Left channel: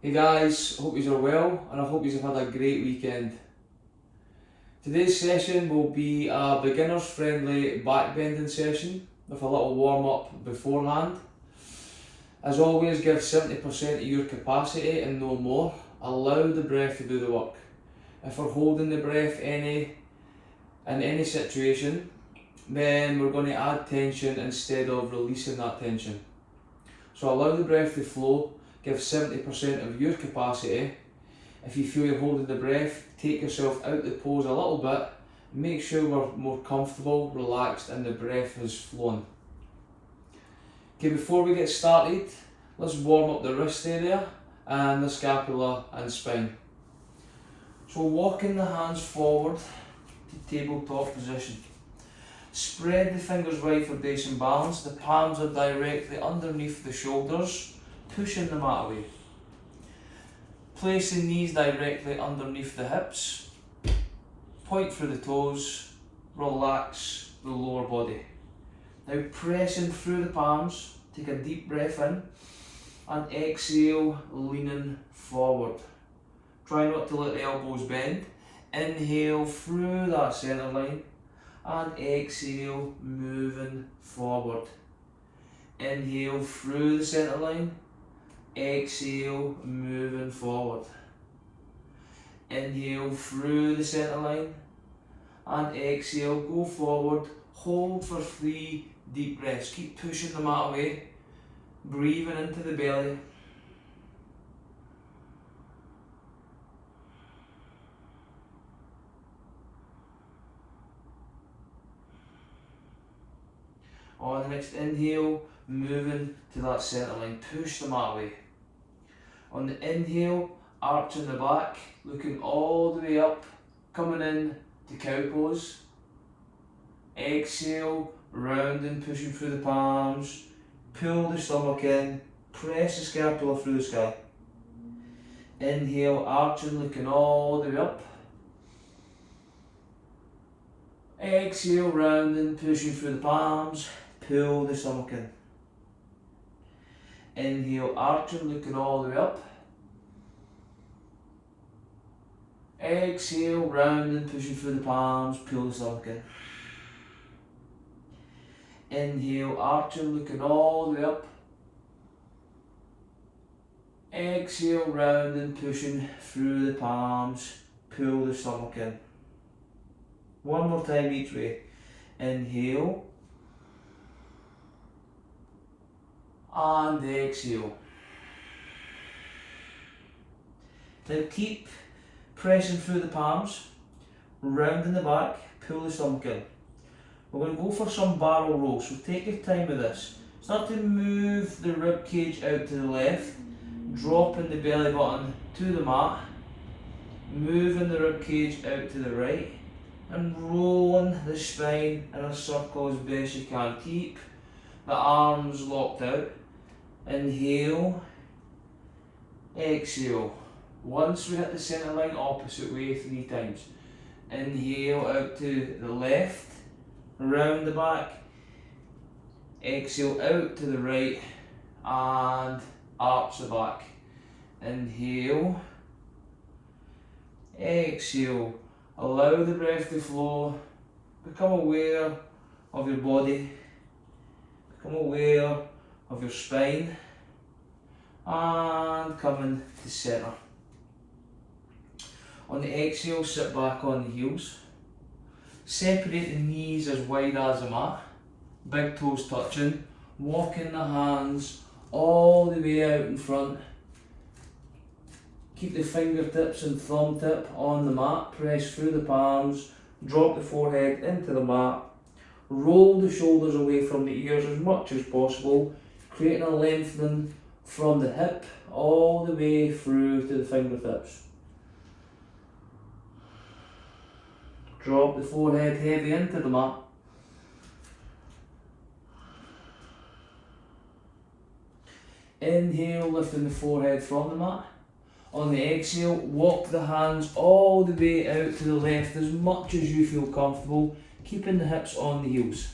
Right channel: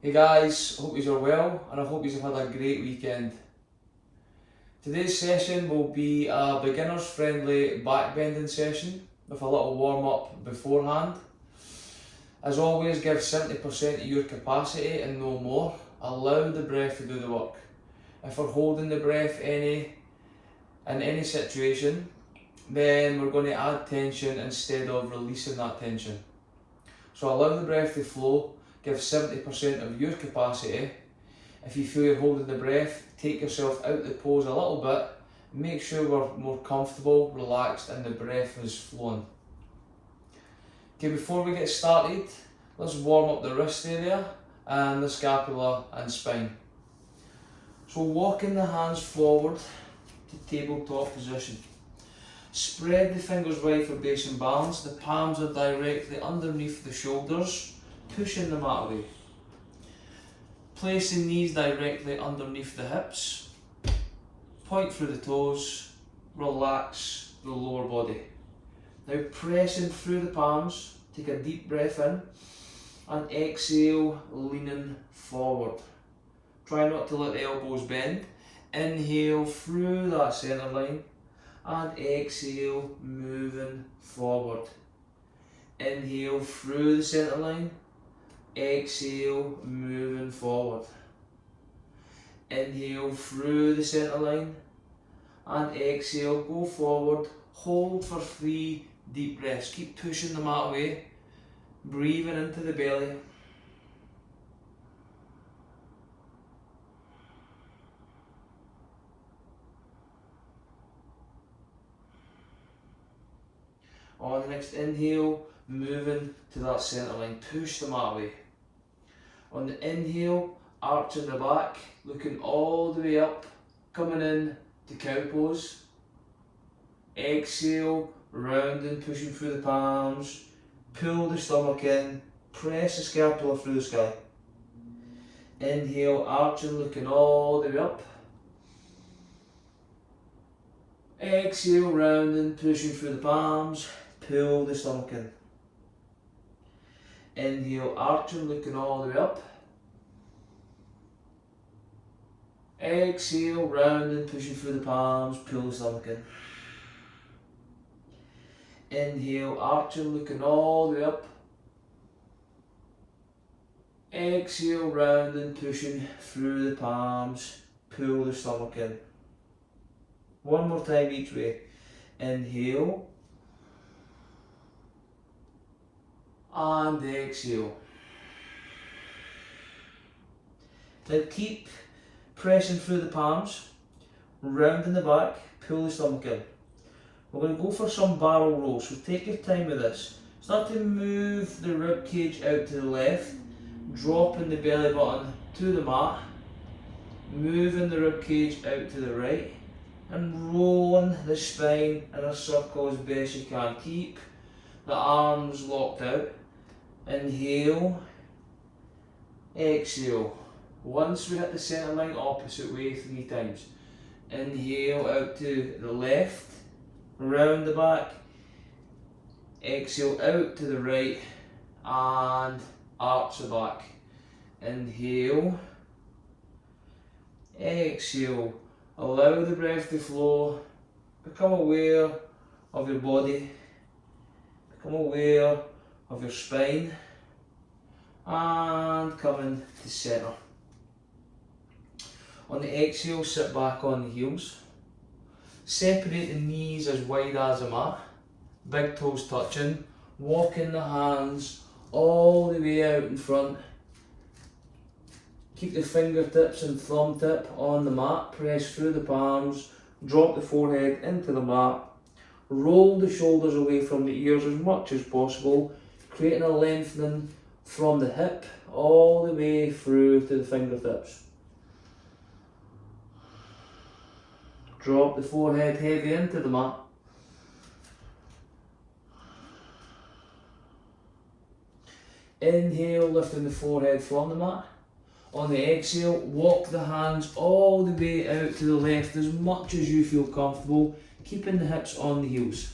Hey guys, hope you are well and I hope you have had a great weekend. Today's session will be a beginners friendly back bending session with a little warm up beforehand. As always, give 70% of your capacity and no more. Allow the breath to do the work. If we're holding the breath in any situation, then we're going to add tension instead of releasing that tension. So allow the breath to flow, give 70% of your capacity. If you feel you're holding the breath, take yourself out the pose a little bit, make sure we're more comfortable, relaxed and the breath is flowing. Okay, before we get started, let's warm up the wrist area and the scapula and spine. So walking the hands forward to tabletop position. Spread the fingers wide for base and balance. The palms are directly underneath the shoulders, pushing the mat away. Place the knees directly underneath the hips. Point through the toes. Relax the lower body. Now pressing through the palms. Take a deep breath in and exhale, leaning forward. Try not to let the elbows bend. Inhale through that centre line. And exhale, moving forward. Inhale through the centre line. Exhale, moving forward. Inhale through the centre line. And exhale, go forward. Hold for 3 deep breaths. Keep pushing the mat away. Breathing into the belly. On the next inhale, moving to that centre line, push the mat away. On the inhale, arching the back, looking all the way up, coming in to cow pose. Exhale, rounding, pushing through the palms, pull the stomach in, press the scapula through the sky. Inhale, arching, looking all the way up. Exhale, rounding, pushing through the palms. Pull the stomach in. Inhale, arching, looking all the way up. Exhale, rounding, pushing through the palms, pull the stomach in. Inhale, arching, looking all the way up. Exhale, rounding, pushing through the palms, pull the stomach in. One more time each way. Inhale. And exhale. Then keep pressing through the palms, rounding the back, pull the stomach in. We're going to go for some barrel rolls, so take your time with this. Start to move the rib cage out to the left, dropping the belly button to the mat, moving the rib cage out to the right, and rolling the spine in a circle as best you can. Keep the arms locked out. Inhale, exhale. Once we hit the centre line, opposite way 3 times. Inhale out to the left, round the back. Exhale out to the right and arch the back. Inhale, exhale. Allow the breath to flow. Become aware of your body. Become aware of your spine and coming to centre. On the exhale, sit back on the heels. Separate the knees as wide as the mat. Big toes touching. Walking the hands all the way out in front. Keep the fingertips and thumb tip on the mat. Press through the palms. Drop the forehead into the mat. Roll the shoulders away from the ears as much as possible, creating a lengthening from the hip all the way through to the fingertips. Drop the forehead heavy into the mat. Inhale, lifting the forehead from the mat. On the exhale, walk the hands all the way out to the left as much as you feel comfortable, keeping the hips on the heels.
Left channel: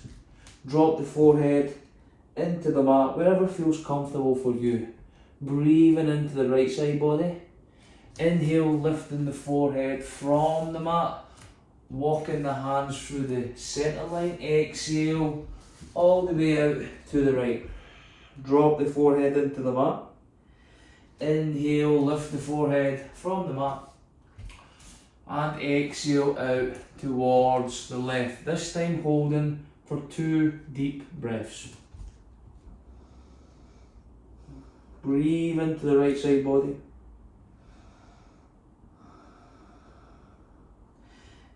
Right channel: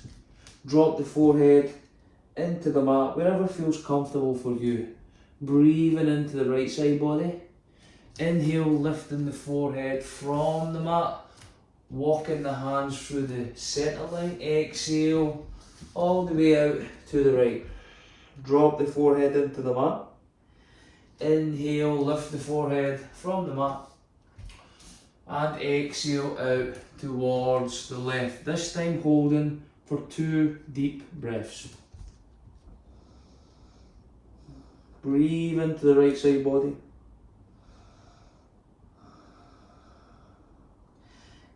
Drop the forehead into the mat, wherever feels comfortable for you. breathing into the right side body. Inhale, lifting the forehead from the mat, walking the hands through the centre line. Exhale, all the way out to the right. Drop the forehead into the mat. Inhale, lift the forehead from the mat. And exhale out towards the left. This time holding for 2 deep breaths. Breathe into the right side body.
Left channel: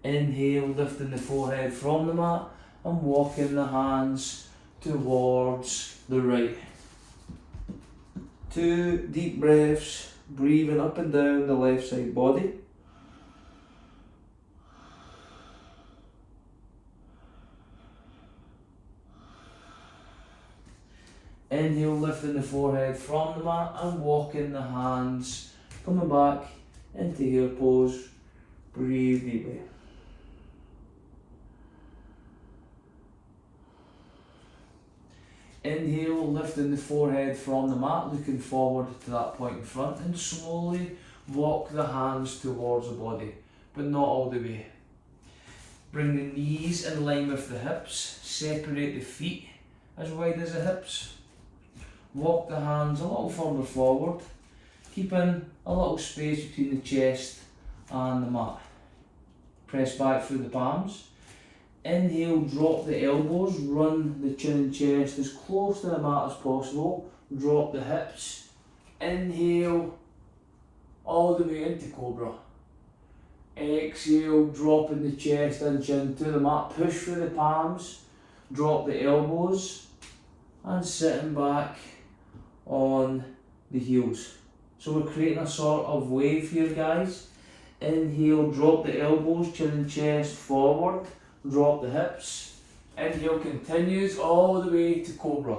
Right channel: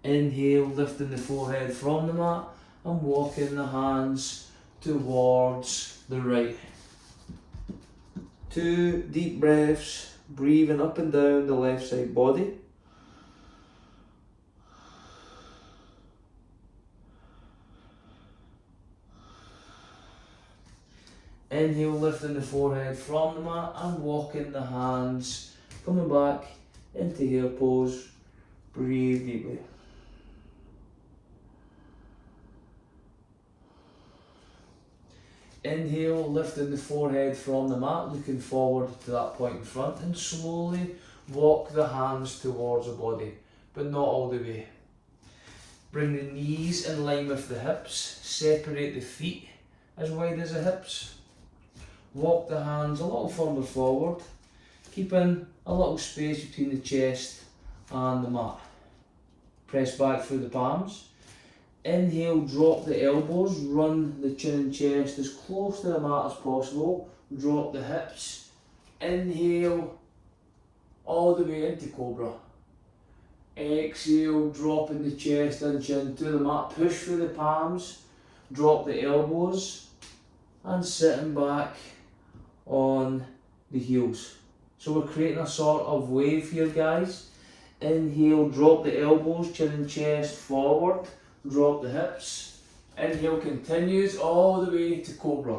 Inhale, lifting the forehead from the mat and walking the hands towards the right. 2 deep breaths, breathing up and down the left side body. Inhale, lifting the forehead from the mat and walking the hands, coming back into your pose. Breathe deeply. Inhale, lifting the forehead from the mat, looking forward to that point in front, and slowly walk the hands towards the body, but not all the way. Bring the knees in line with the hips, separate the feet as wide as the hips. Walk the hands a little further forward, keeping a little space between the chest and the mat. Press back through the palms. Inhale, drop the elbows, run the chin and chest as close to the mat as possible. Drop the hips. Inhale, all the way into Cobra. Exhale, dropping the chest and chin to the mat. Push through the palms, drop the elbows, and sitting back on the heels. So we're creating a sort of wave here, guys. Inhale, drop the elbows, chin and chest forward. Drop the hips. Inhale continues all the way to Cobra.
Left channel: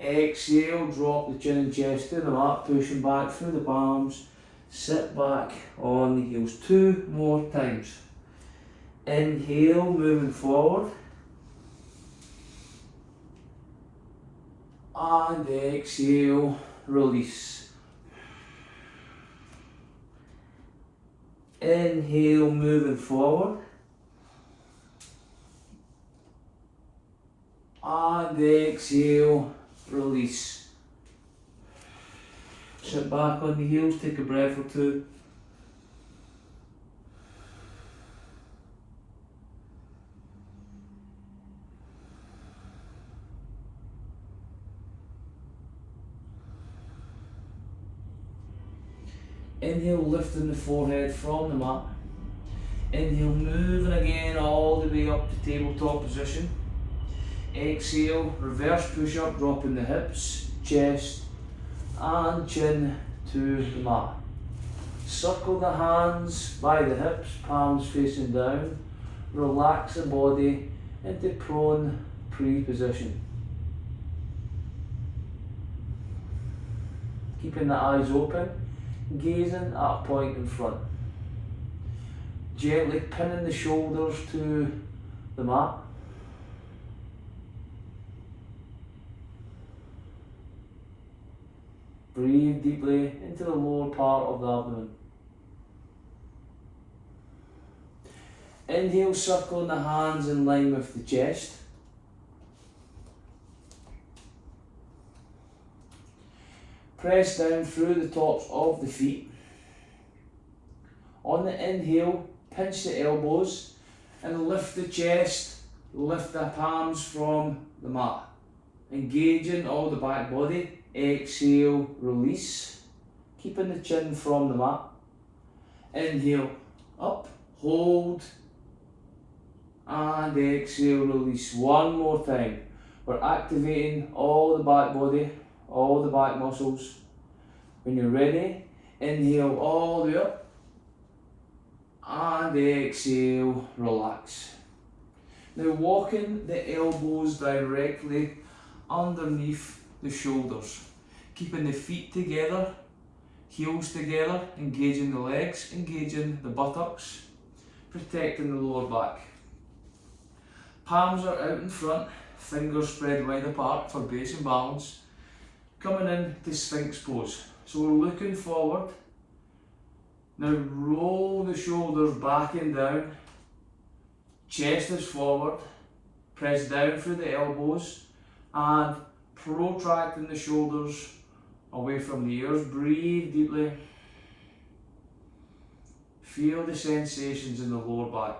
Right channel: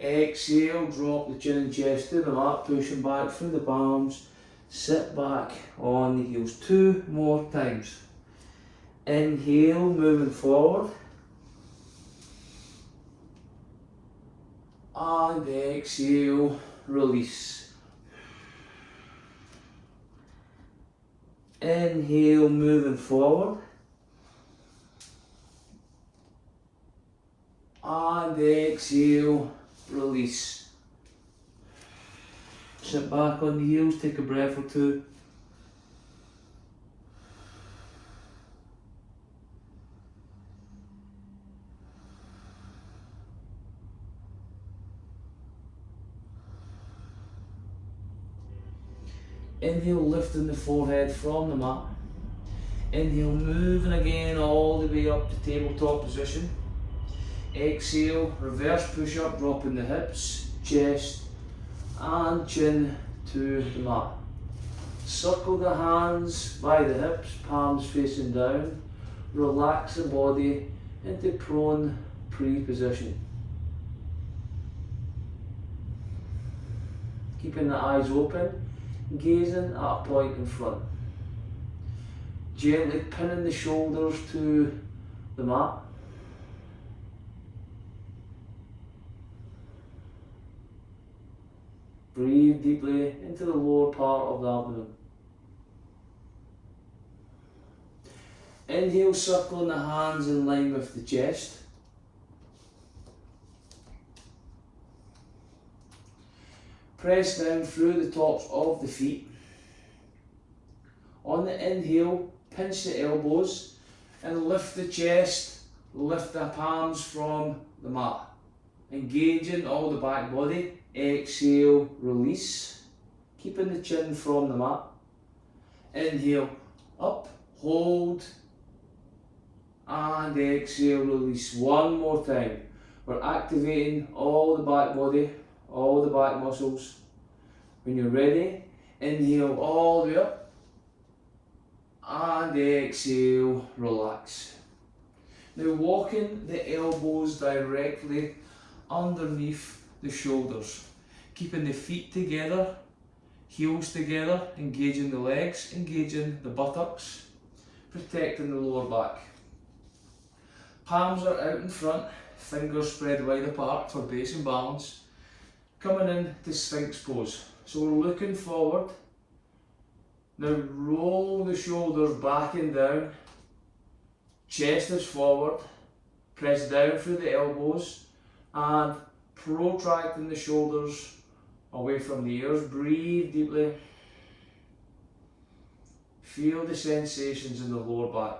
Exhale, drop the chin and chest to the mat, pushing back through the palms. Sit back on the heels. 2 more times. Inhale, moving forward. And exhale, release. Inhale, moving forward. And exhale, release. Sit back on the heels, take a breath or 2. Inhale, lifting the forehead from the mat. Inhale, moving again all the way up to tabletop position. Exhale, reverse push up, dropping the hips, chest and chin to the mat. Circle the hands by the hips, palms facing down. Relax the body into prone pre-position. Keeping the eyes open, gazing at a point in front. Gently pinning the shoulders to the mat. Breathe deeply into the lower part of the abdomen. Inhale, circling the hands in line with the chest. Press down through the tops of the feet. On the inhale, pinch the elbows and lift the chest, lift the palms from the mat. Engaging all the back body. Exhale, release. Keeping the chin from the mat. Inhale, up, hold, and exhale, release. One more time. We're activating all the back body, all the back muscles. When you're ready, inhale all the way up, and exhale, relax. Now walking the elbows directly underneath the shoulders, keeping the feet together, heels together, engaging the legs, engaging the buttocks, protecting the lower back. Palms are out in front, fingers spread wide apart for base and balance. Coming in to Sphinx pose. So we're looking forward. Now roll the shoulders back and down. Chest is forward. Press down through the elbows and protracting the shoulders away from the ears. Breathe deeply. Feel the sensations in the lower back.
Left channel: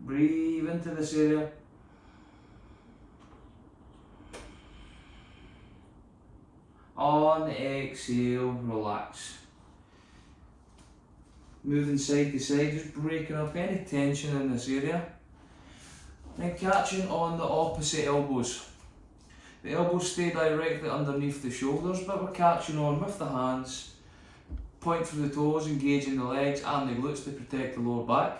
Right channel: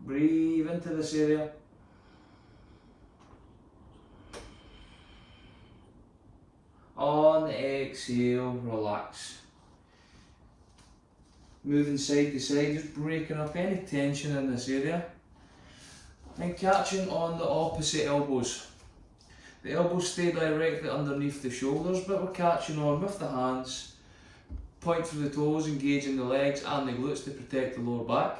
Breathe into this area. On the exhale, relax. Moving side to side, just breaking up any tension in this area. And catching on the opposite elbows. The elbows stay directly underneath the shoulders, but we're catching on with the hands. Point through the toes, engaging the legs and the glutes to protect the lower back.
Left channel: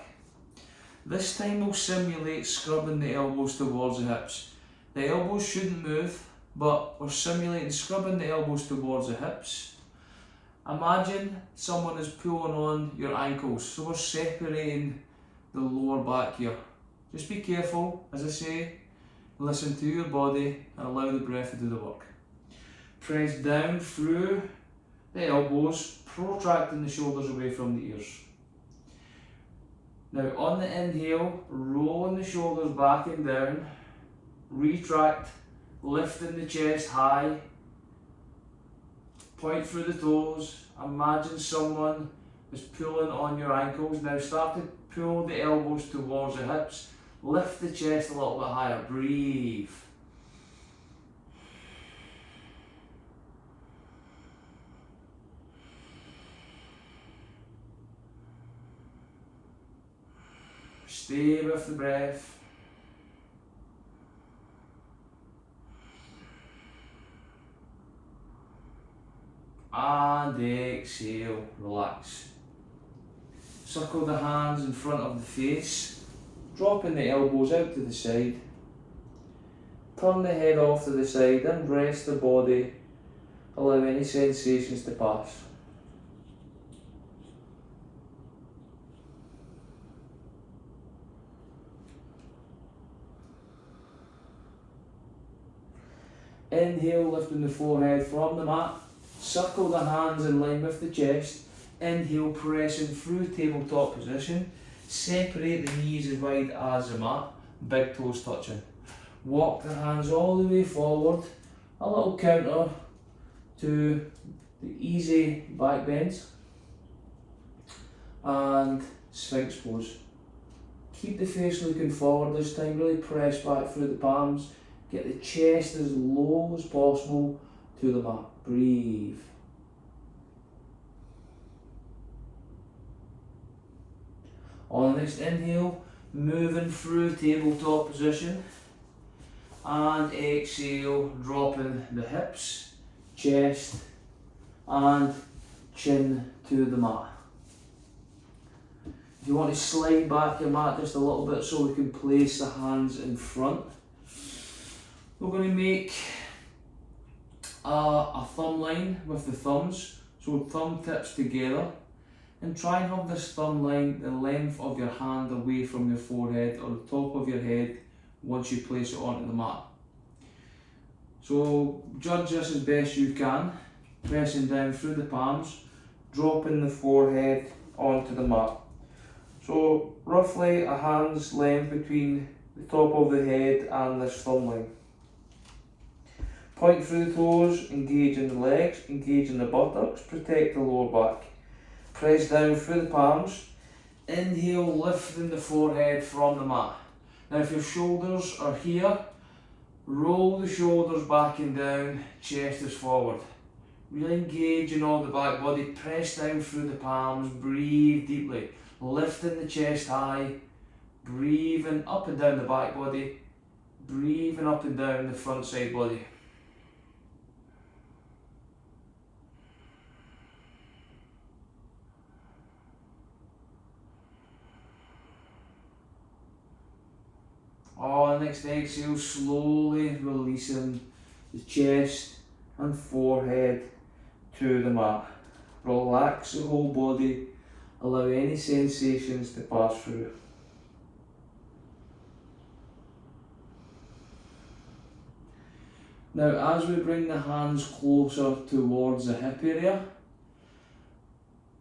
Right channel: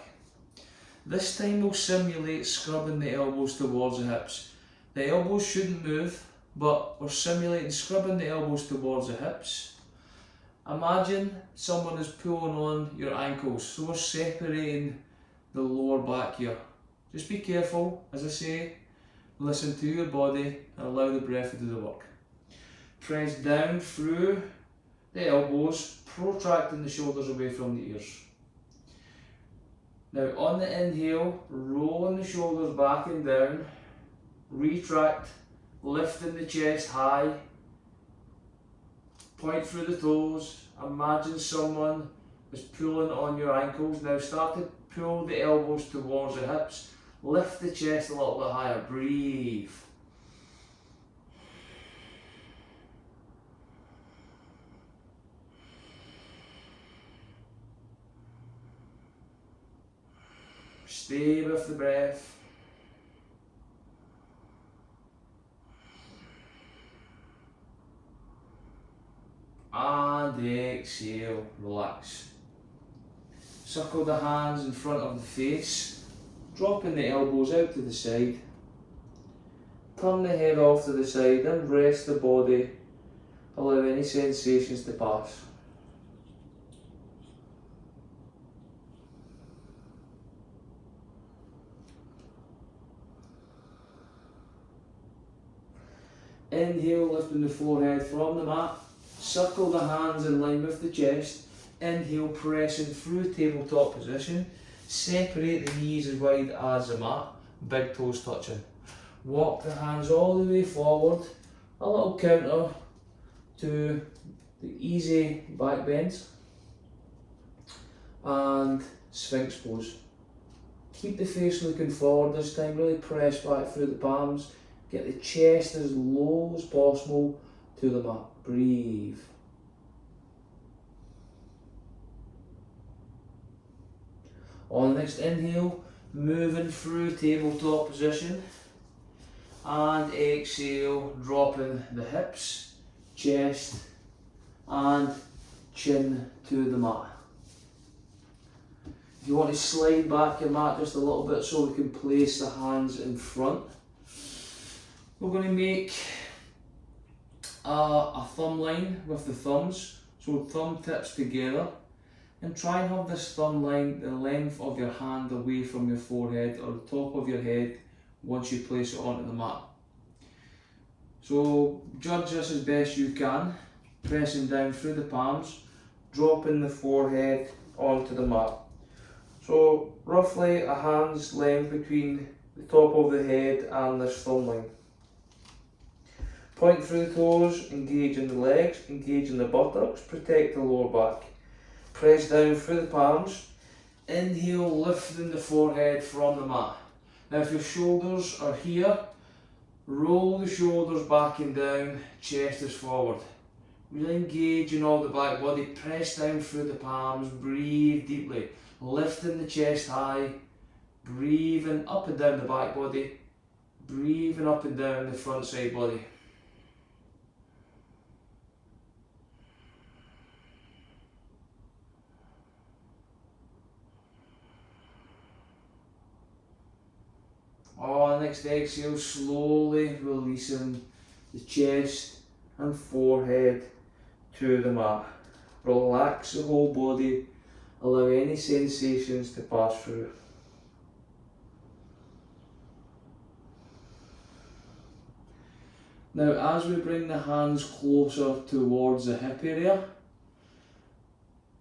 This time we'll simulate scrubbing the elbows towards the hips. The elbows shouldn't move, but we're simulating scrubbing the elbows towards the hips. Imagine someone is pulling on your ankles, so we're separating the lower back here. Just be careful, as I say, listen to your body and allow the breath to do the work. Press down through the elbows, protracting the shoulders away from the ears. Now on the inhale, rolling the shoulders back and down, retract, lifting the chest high, point through the toes, imagine someone is pulling on your ankles. Now start to pull the elbows towards the hips. Lift the chest a little bit higher, breathe. Stay with the breath. And exhale, relax. Circle the hands in front of the face. Dropping the elbows out to the side. Turn the head off to the side and rest the body. Allow any sensations to pass. Inhale, lifting the forehead from the mat. Circle the hands in line with the chest. Inhale, pressing through tabletop position. Separate the knees as wide as the mat, big toes touching. Walk the hands all the way forward, a little counter to the easy back bends and Sphinx pose. Keep the face looking forward this time, really press back through the palms, get the chest as low as possible to the mat. Breathe. On the next inhale, moving through tabletop position, and exhale, dropping the hips, chest and chin to the mat. If you want to slide back your mat just a little bit so we can place the hands in front, we're going to make a thumb line with the thumbs, so thumb tips together. And try and have this thumb line the length of your hand away from your forehead or the top of your head once you place it onto the mat. So judge this as best you can, pressing down through the palms, dropping the forehead onto the mat. So roughly a hand's length between the top of the head and this thumb line. Point through the toes, engaging the legs, engaging the buttocks, protect the lower back. Press down through the palms. Inhale, lifting the forehead from the mat. Now if your shoulders are here, roll the shoulders back and down, chest is forward. Really engage in all the back body, press down through the palms, breathe deeply. Lifting the chest high, breathing up and down the back body, breathing up and down the front side body. On next exhale, slowly releasing the chest and forehead to the mat. Relax the whole body, Allow any sensations to pass through. Now, as we bring the hands closer towards the hip area,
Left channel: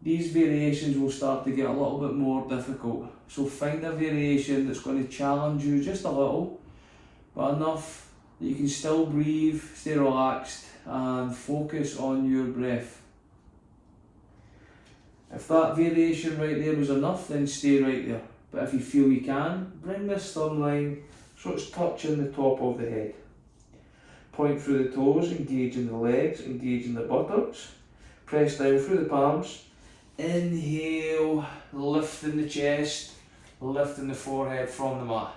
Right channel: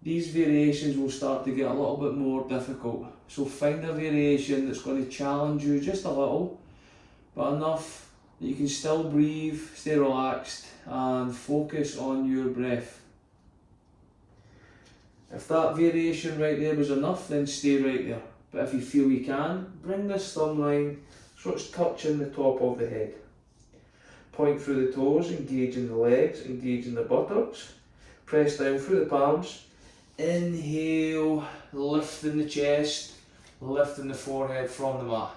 these variations will start to get a little bit more difficult. So find a variation that's going to challenge you just a little, but enough that you can still breathe, stay relaxed, and focus on your breath. If that variation right there was enough, then stay right there. But if you feel you can, bring this thumb line so it's touching the top of the head. Point through the toes, engaging the legs, engaging the buttocks. Press down through the palms. Inhale, lifting the chest, lifting the forehead from the mat.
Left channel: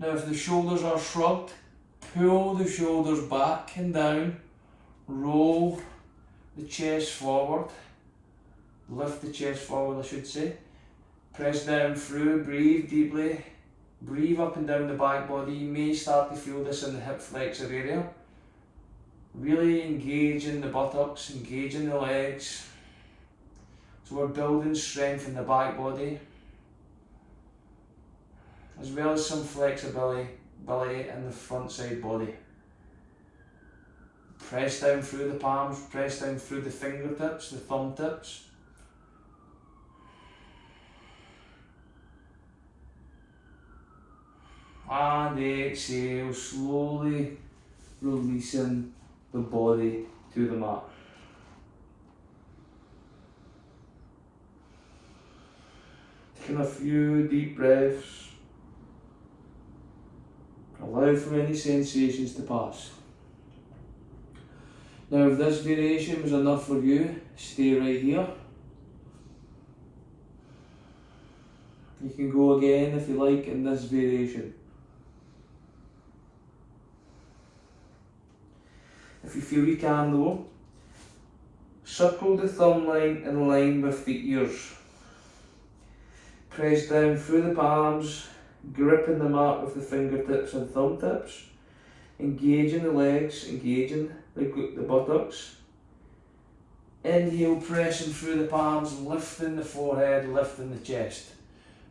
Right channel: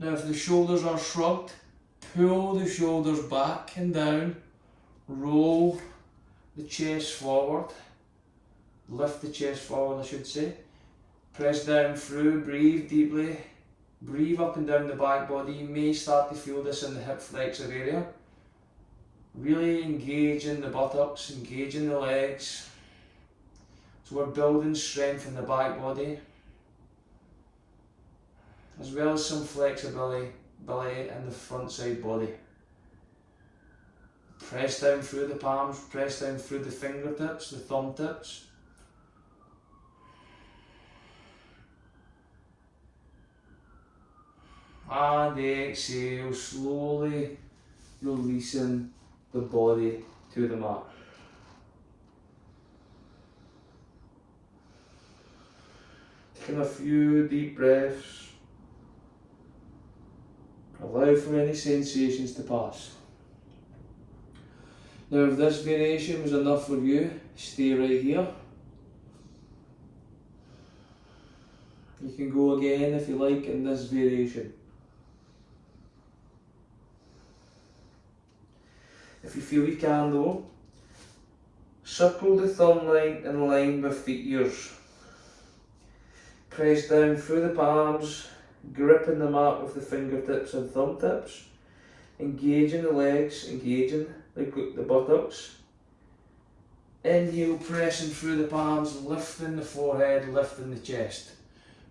Now if the shoulders are shrugged, pull the shoulders back and down, roll the chest forward, lift the chest forward I should say. Press down through, breathe deeply, breathe up and down the back body. You may start to feel this in the hip flexor area. Really engaging the buttocks, engaging the legs. So we're building strength in the back body, as well as some flexibility in the front side body. Press down through the palms, press down through the fingertips, the thumb tips. And exhale, slowly releasing the body to the mat. Taking a few deep breaths. Allow for any sensations to pass. Now if this variation was enough for you, stay right here. You can go again if you like in this variation. If you feel you can though, circle the thumb line in line with the ears. Press down through the palms, gripping the mat with the fingertips and thumb tips, engaging the legs, engaging the buttocks. Inhale, pressing through the palms, lifting the forehead, lifting the chest.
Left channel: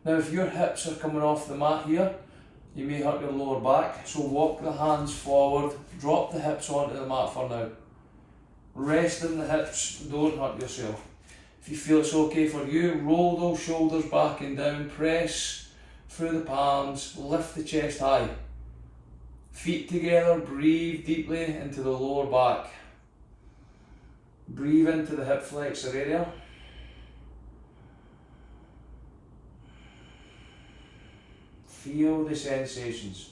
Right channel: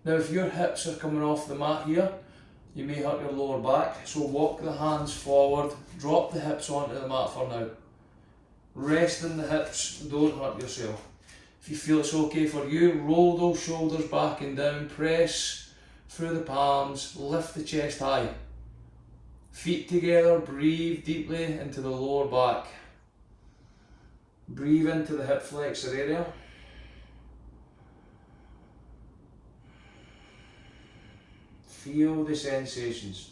Now if your hips are coming off the mat here, you may hurt your lower back, so walk the hands forward, drop the hips onto the mat for now. Rest in the hips, don't hurt yourself. If you feel it's okay for you, roll those shoulders back and down, press through the palms, lift the chest high. Feet together, breathe deeply into the lower back. Breathe into the hip flexor area. Feel the sensations.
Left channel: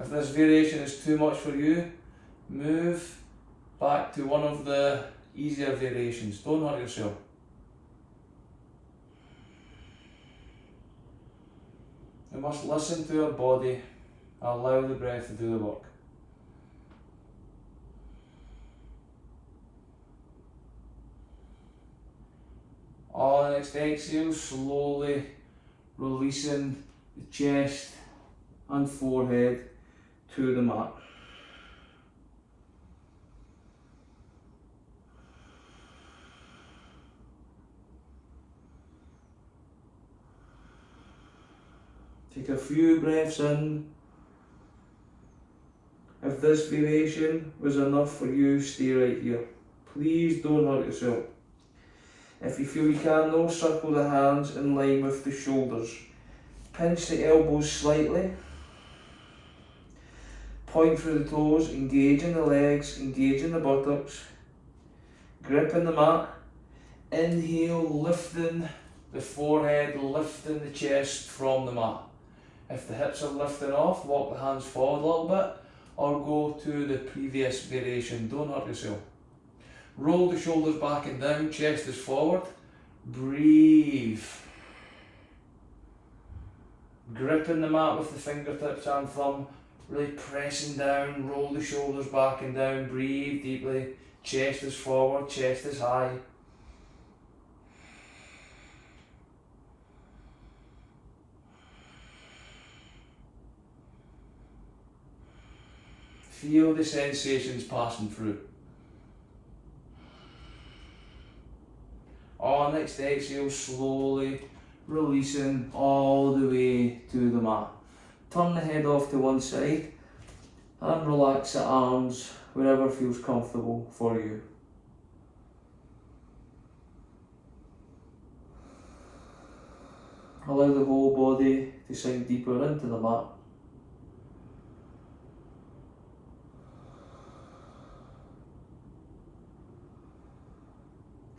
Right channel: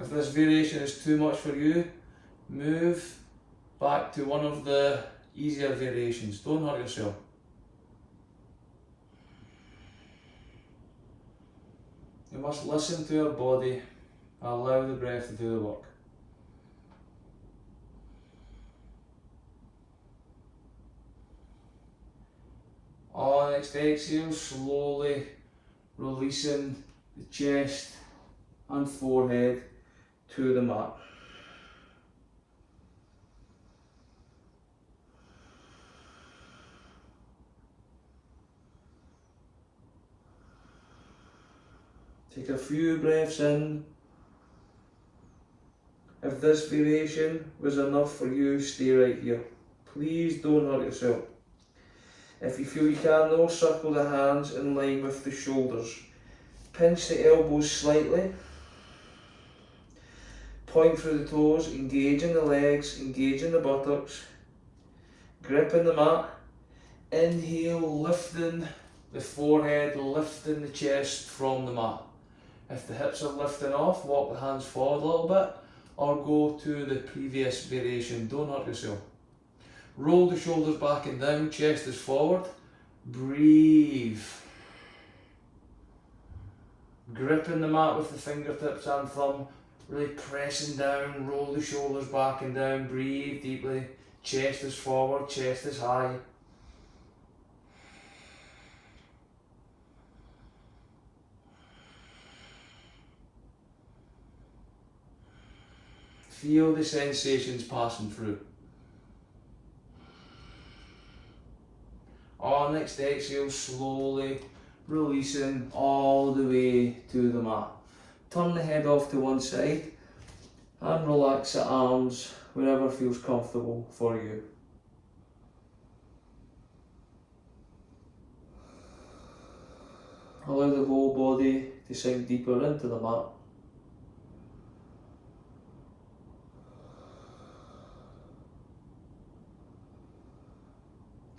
If this variation is too much for you, move back to one of the easier variations. Don't hurt yourself. You must listen to your body, allow the breath to do the work. On next exhale, slowly releasing the chest and forehead to the mat. Take a few breaths in. If this variation was enough for you, stay right here. Please don't hurt yourself. If you feel you can though, circle the hands in line with the shoulders. Pinch the elbows slightly. Point through the toes, engaging the legs, engaging the buttocks. Gripping the mat. Inhale, lifting the forehead, lifting the chest from the mat. If the hips are lifting off, walk the hands forward a little bit or go to the previous variation. Don't hurt yourself. Roll the shoulders back and down, chest is forward. Breathe. Gripping the mat with the fingertips and thumb, really pressing down, roll the shoulders back and down, breathe deeply. Chest is forward, chest is high. Feel the sensations passing through. On next exhale, slowly releasing all the way to the mat. Turn the head off to one side and relax the arms wherever feels comfortable for you. Allow the whole body to sink deeper into the mat.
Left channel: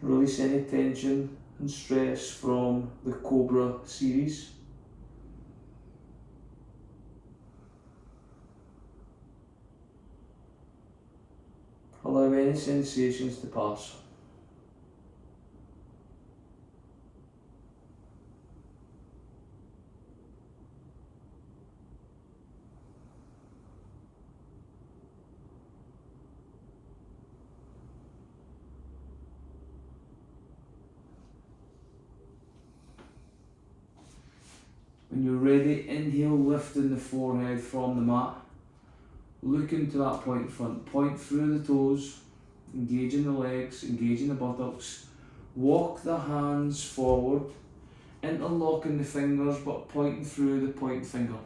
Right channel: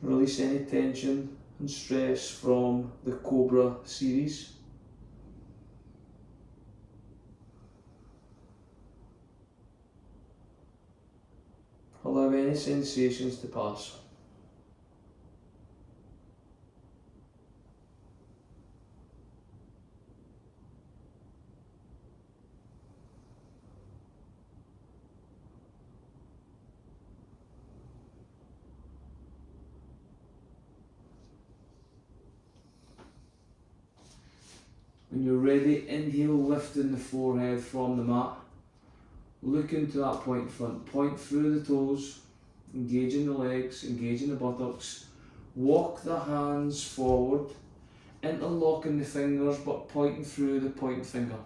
Release any tension and stress from the Cobra series. Allow any sensations to pass. When you're ready, inhale, lifting the forehead from the mat. Look into that point front, point through the toes, engaging the legs, engaging the buttocks. Walk the hands forward, interlocking the fingers but pointing through the point finger.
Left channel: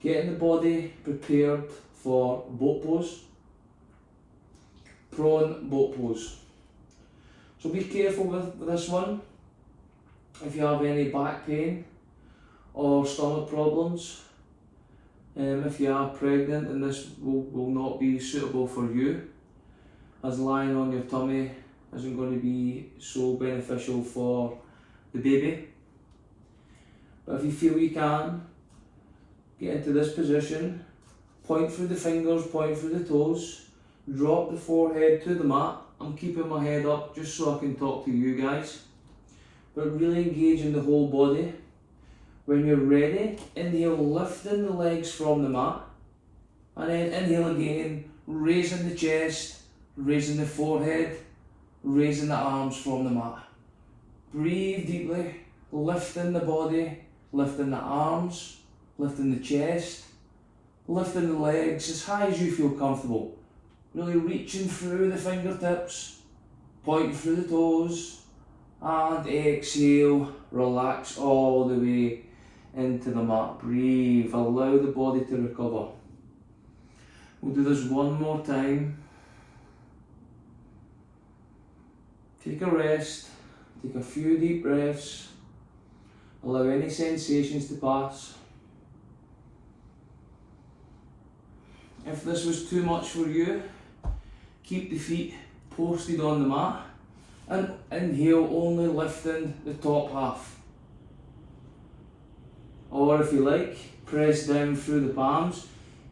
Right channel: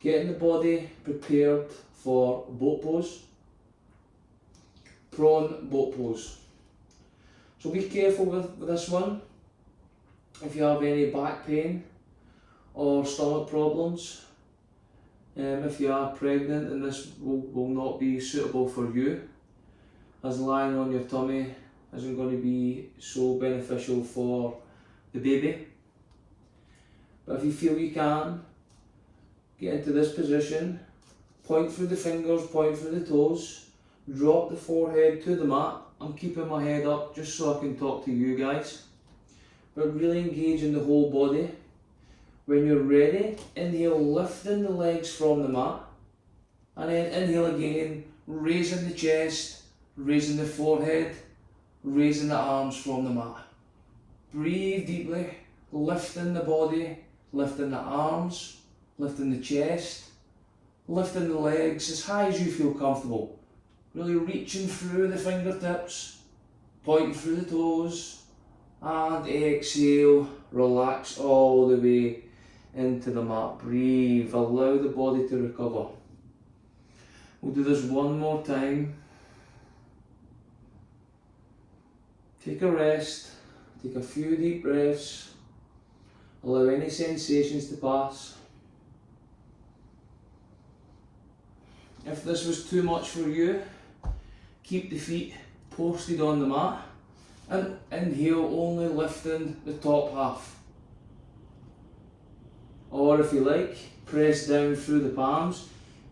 Getting the body prepared for boat pose, prone boat pose. So be careful with this one. If you have any back pain or stomach problems, if you are pregnant, then this will not be suitable for you, as lying on your tummy isn't going to be so beneficial for the baby. But if you feel you can, get into this position, point through the fingers, point through the toes, drop the forehead to the mat. I'm keeping my head up just so I can talk to you guys, but really engaging the whole body. When you're ready, inhale, lifting the legs from the mat, and then inhale again, raising the chest, raising the forehead, raising the arms from the mat. Breathe deeply, lifting the body, lifting the arms, lifting the chest, lifting the legs as high as you feel comfortable. Really reaching through the fingertips, pointing through the toes, and exhale, relax all the way into the mat. Breathe, allow the body to recover. We'll do this one more time. Take a rest, take a few deep breaths, allow any sensations to pass. If this was too much for you, keep the feet posted on the mat and inhale, only lifting the top half. Or if you like, press down through the palms,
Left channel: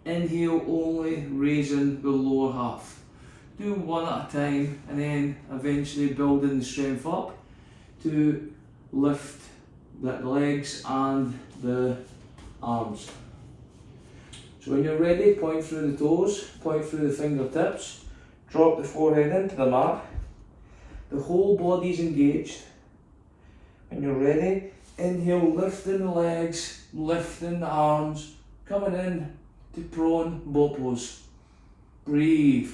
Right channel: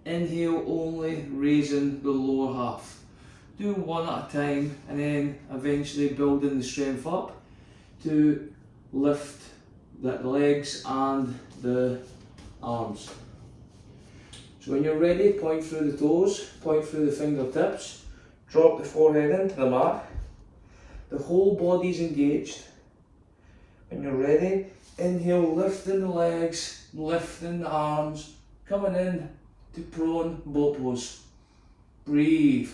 inhale, only raising the lower half. Do one at a time and then eventually building the strength up to lift the legs and the arms. So when you're ready, point through the toes, point through the fingertips, drop the forehead into the mat. The whole body's engaged. When you're ready, inhale, lifting the legs, lifting the arms, coming in to prone boat pose. Breathe.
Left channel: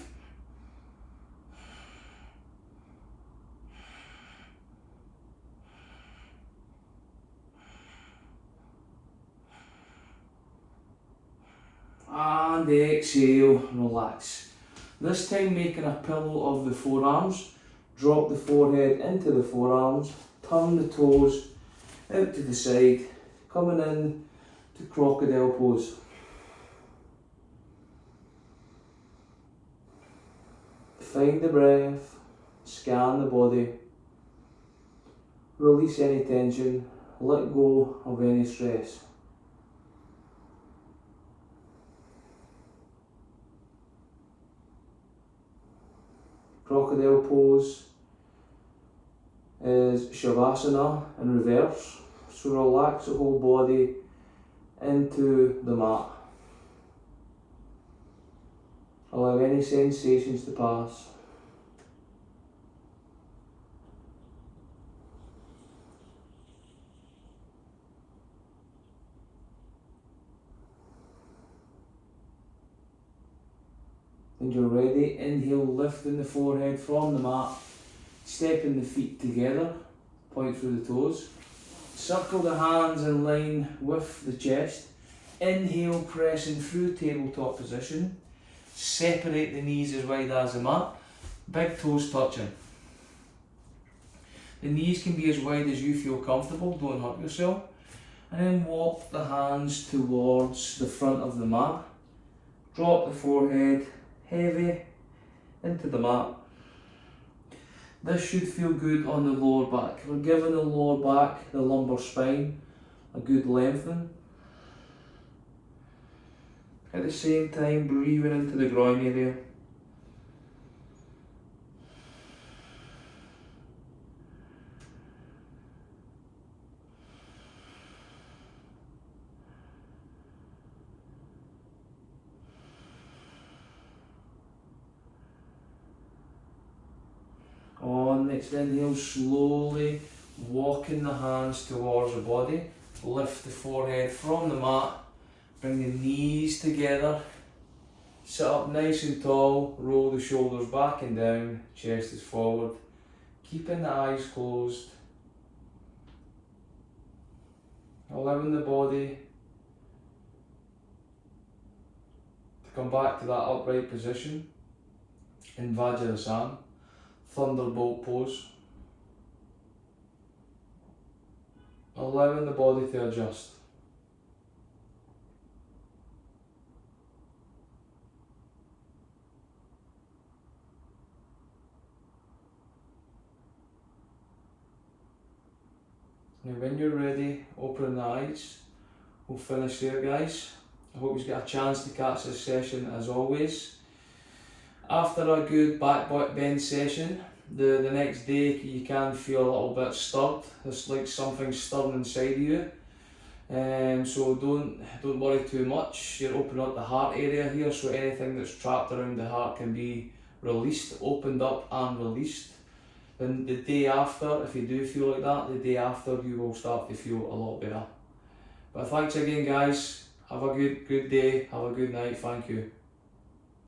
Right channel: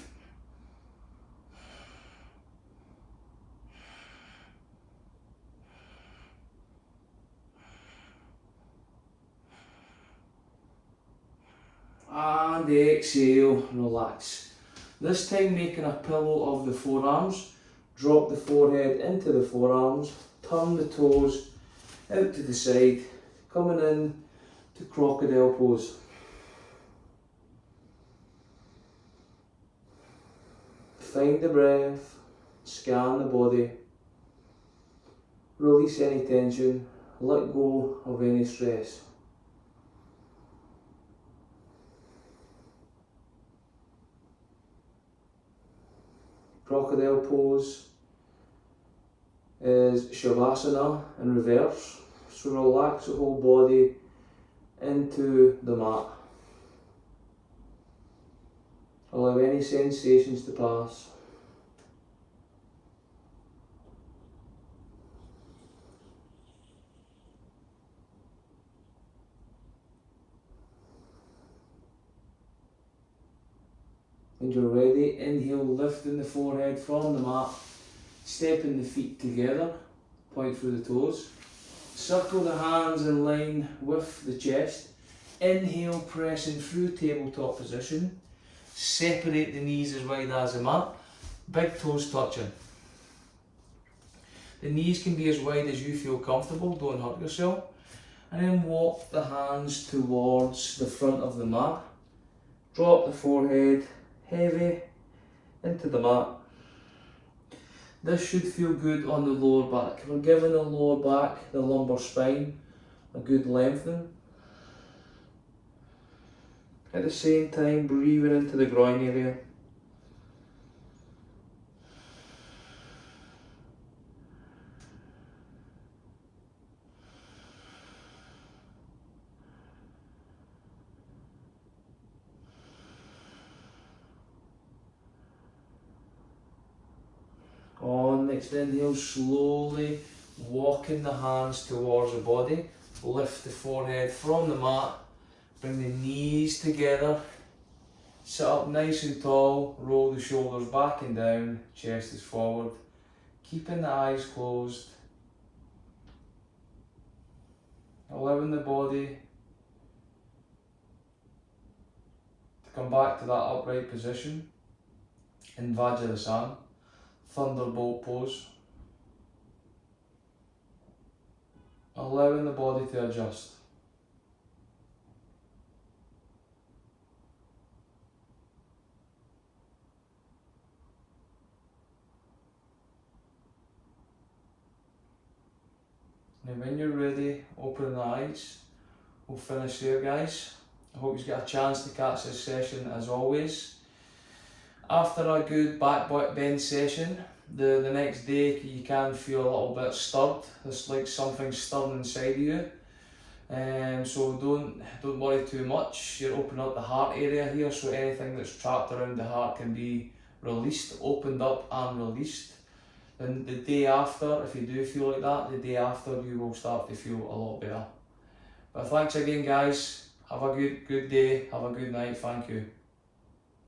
And exhale, relax. This time making a pillow of the forearms. Drop the forehead into the forearms, turn the toes out to the side, coming in to crocodile pose. Find the breath, scan the body, release any tension, let go of any stress. Crocodile pose is Shavasana in reverse, so relax the whole body into the mat. Allow any sensations to pass. When you're ready, inhale, lifting the forehead from the mat, stepping the feet together, point through the toes. Circle the hands in line with the chest. Inhale, pressing through tabletop position. Separate the knees as wide as the mat. Big toes touching. The knees can be as wide as you feel comfortable, don't hurt yourself. And then walk the hands towards the front of the mat. Drop the forehead heavy into the mat. This should feel good on the lower back. We're giving the lower back, the lumbar spine, a good lengthening. At the same time, breathing into the groin area. On next inhale, slowly walking the hands towards the body. Lift the forehead from the mat. Bring the knees together. Sit up nice and tall. Roll the shoulders back and down. Chest is forward. Keeping the eyes closed. Allowing the body to come back to that upright position in Vajrasana. Thunderbolt pose. Allowing the body to adjust. Now when you're ready, open the eyes. We'll finish there, guys. I hope you get a chance to catch this session as always. After a good back bend session, the next day you can feel a little bit stirred. It's like something stirring inside of you. So don't worry too much. You're opening up the heart area here, so anything that's trapped around the heart can be released, opened up and released. Then the day after, if you do feel like that, the day after you will start to feel a lot better. But thanks again, guys. Have a good day. Have a good night. Thank you.